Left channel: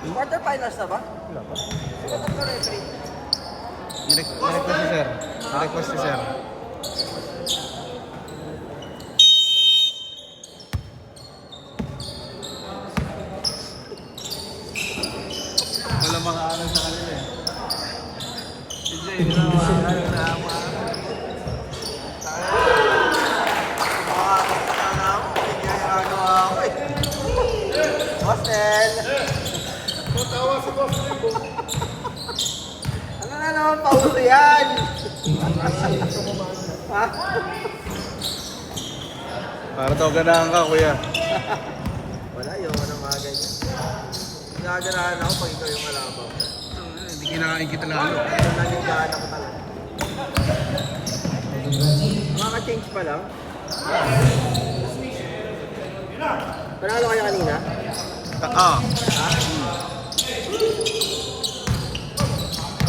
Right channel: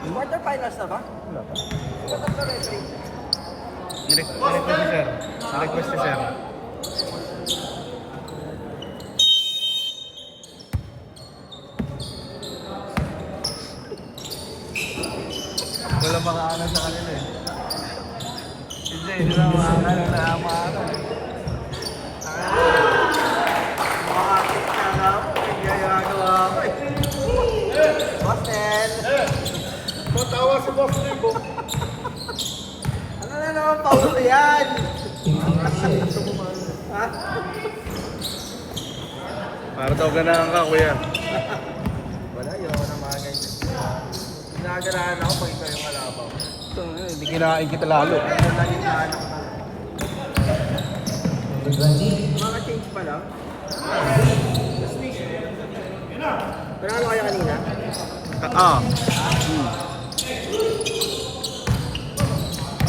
Quarterfinals na ba? Sino tatlo referee? I-request si sir. Wala makaanan sa kanila eh. Hindi na makaanan na makaanan eh. Makakakita ako, hindi na nagawa ako eh. Boston! Matawa si Boston mo. Ano na naman pauso yan? Gusto mo maano na? Ha? Para daw ganahan ka kuya. Wala, yun na mga ganyan. Nagaganahan ako pag ikaw yung kalabaw. Hindi kinain kita lalo. Ito naging gaan ako talaga. Makaka-change pa lang. Panalo kayo kanina?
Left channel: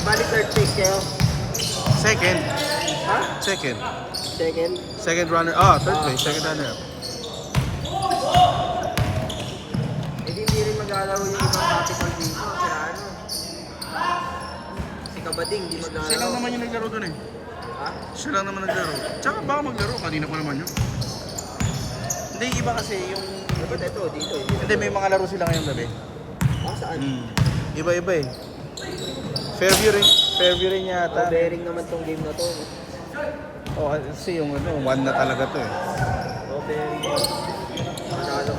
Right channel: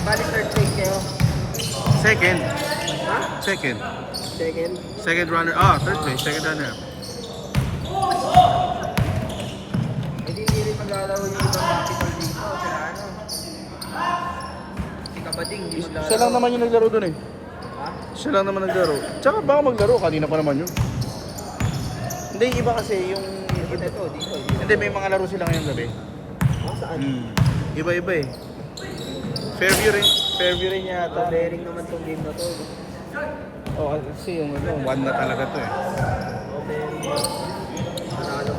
Balik third place kayo? Second. Ha? Second. Second? Second runner. Third place. Second runner. Hindi rin maglalaro yung ibang basketball dito. Kaya ano? Si Kabating, hindi maglalaro. Siya lang naman yung naglaro dun eh. Siya lang naman naglaro. Tsaka baka maglaro. Kanina pa naman yun. Hindi, iba kasi yung... Dito. Hindi, may mga laro sila ngayong gabi. Saan? Iba-iba eh. Fairview rin. Fairview rin yata. Bearing naman tong game na to. Oh, kasi yung one na talaga to eh. Bearing. Panalo.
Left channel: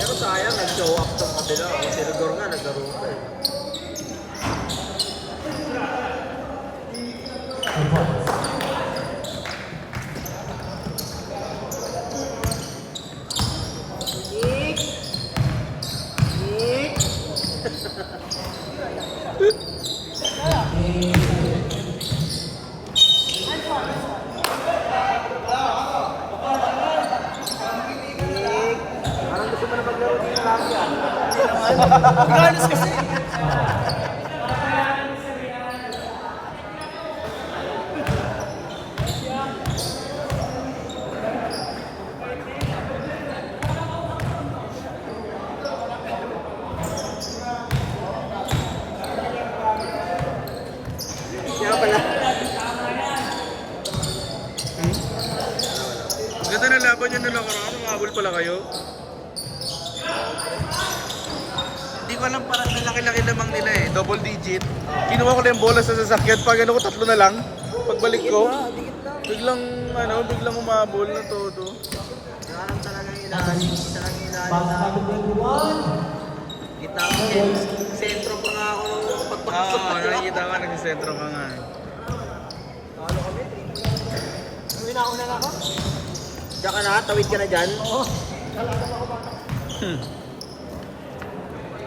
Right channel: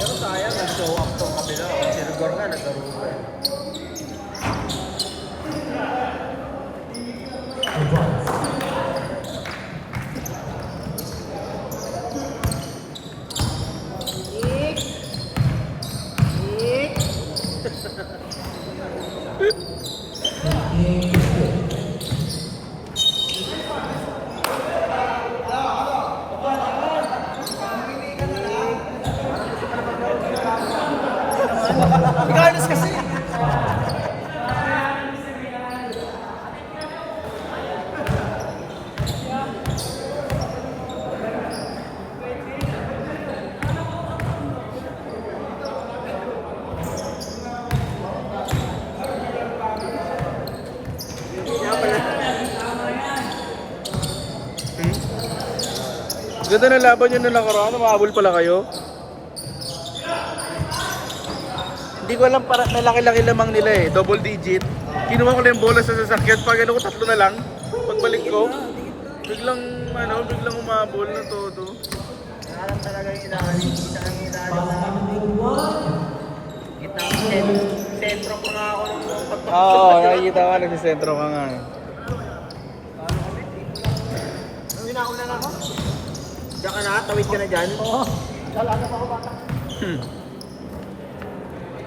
Pero sayang, nag-show up tong kabila. Si Rigor nga, naglaro pa eh. Regardless kasi. Ganda na laban yun na nakaraan. Mahabol pala kayo. Hindi ko alam, para malaki-laki lamang nila eh. Double digit. Kinuha ko lang yung bola sa sasakyan. Pag ano ko, tatlo na lang. Pagbalik ko, biglang umabol na todo. Nakaram talaga yung ilalim. Isa lang yung ilalim na. Kita ko, sentro pa nga ako nung pagpapasok. Oo, nakikita ko na si sentro ka nga. Talo kami. Ano na nga mo? Diyan ka na, tawid ka na dyan.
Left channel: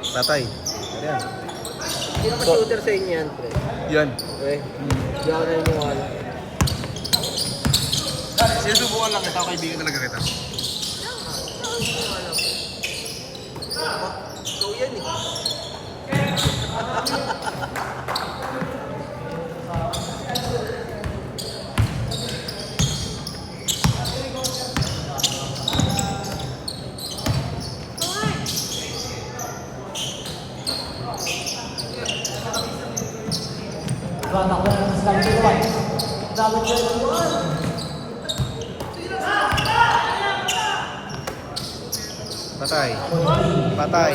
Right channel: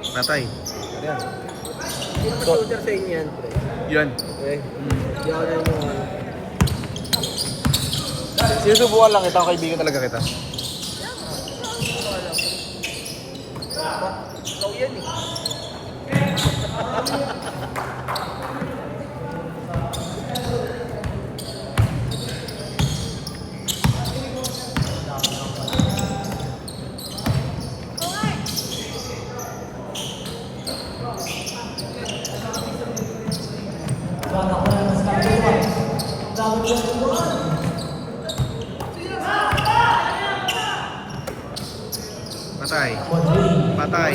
Patay. Hindi naman shooter sa inyo yan, pre. Yan. Okay. Hindi ako naniniwala. Sinusubukan lang kita, kaibigan talaga kita. Ikaw yan eh. Patay. Patay.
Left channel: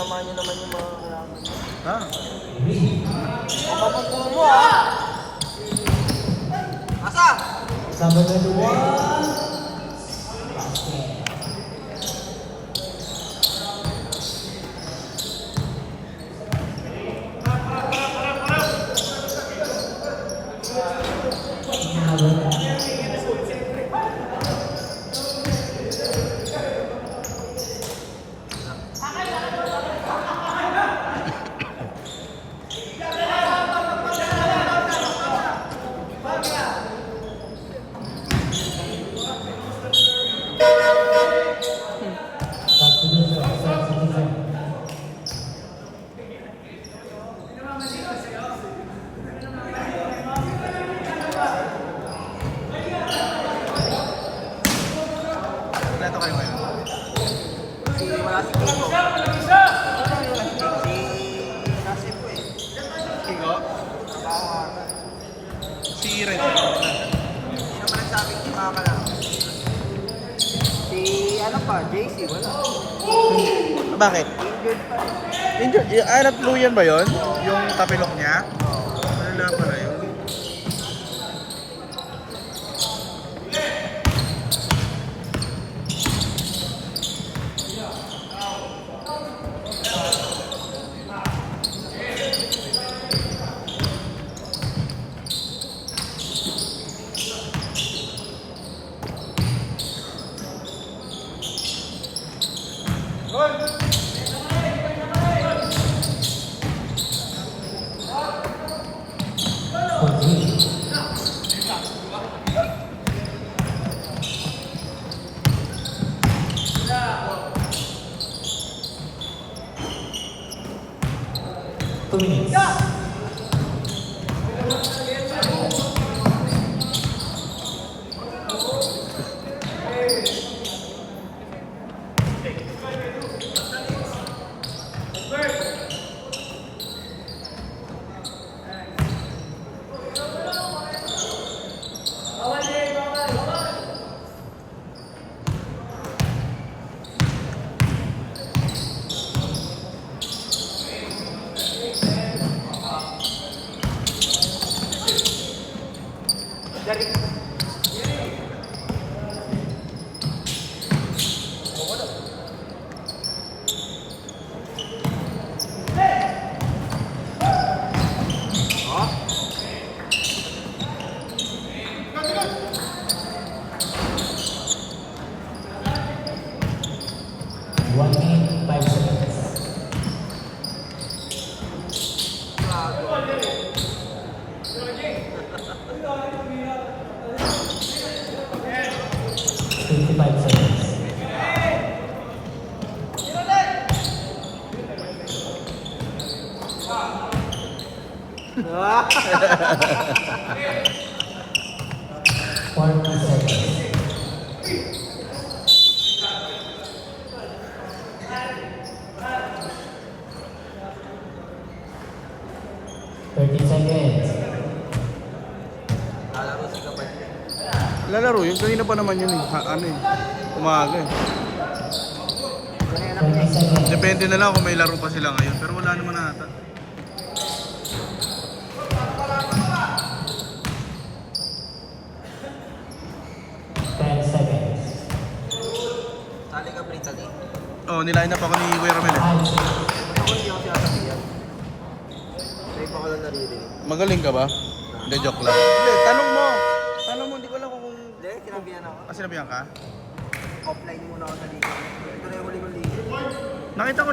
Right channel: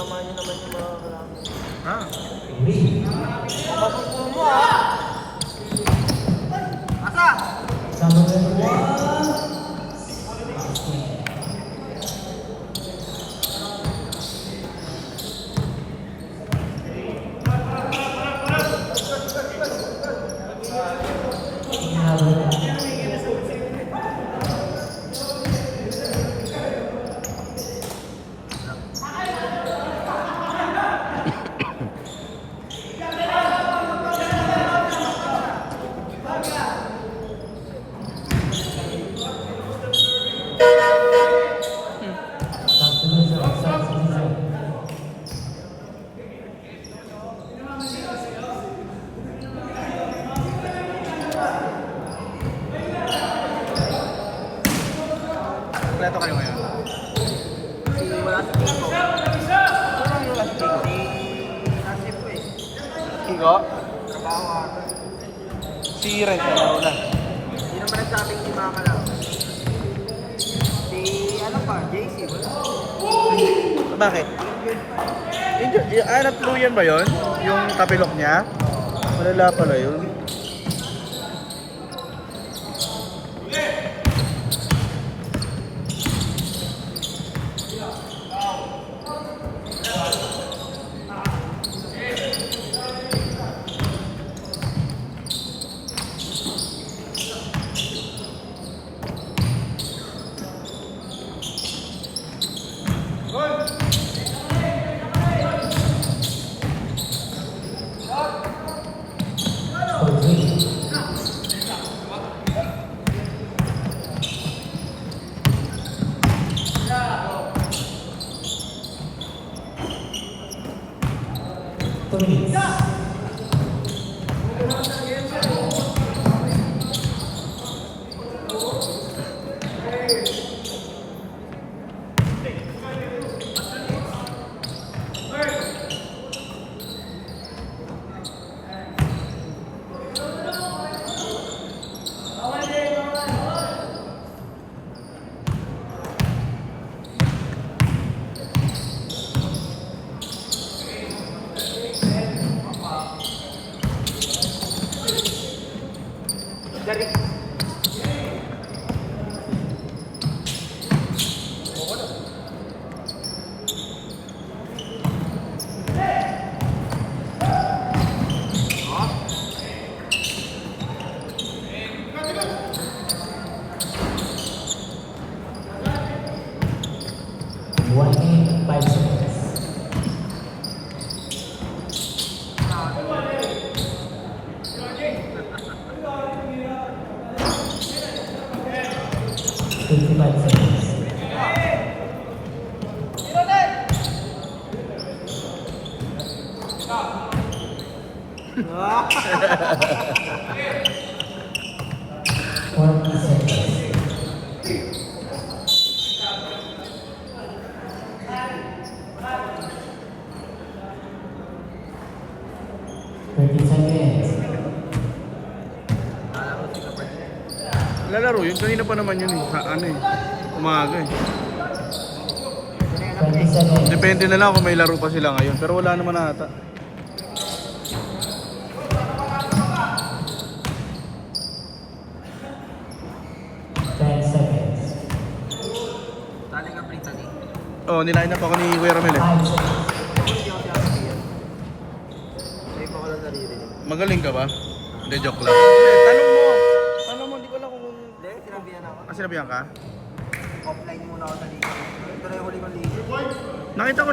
Tama nyo naman yung mga... Ha? Asa? Kompleto kayo ngayon. Sigo? Si Renzo. Wala. Hindi naman nagsabing si Mama lang. Si ano ka, JC ba? Bakit? Injured. Ay, nagtuluyan ba yun? Yung tapilok niya? Malala pala yun. Dari. One minute, 5 seconds. Fifty-five seconds. Forty seconds. Thirty seconds. Lalaro, yung kanina pa naman yun eh. Ano eh. Umaga eh. 20 seconds. Depende na lang kung may laro pa sila ngayon. Pero wala naman ata. 10 seconds. Tali ka, Prince. Oh, nilain up ako ni Kuya Ramel eh. 5 seconds. Hindi pa ko na naririnig. Magaling ka ba? Hindi, joke lang. Hindi, tanong mo. Tanong mo, hindi ko alam kung... Hindi, sinabihan ako. Ah, sinabihan ka? Offline muna ako naririnig. Ito na yung huli mong ligo. Nakita ko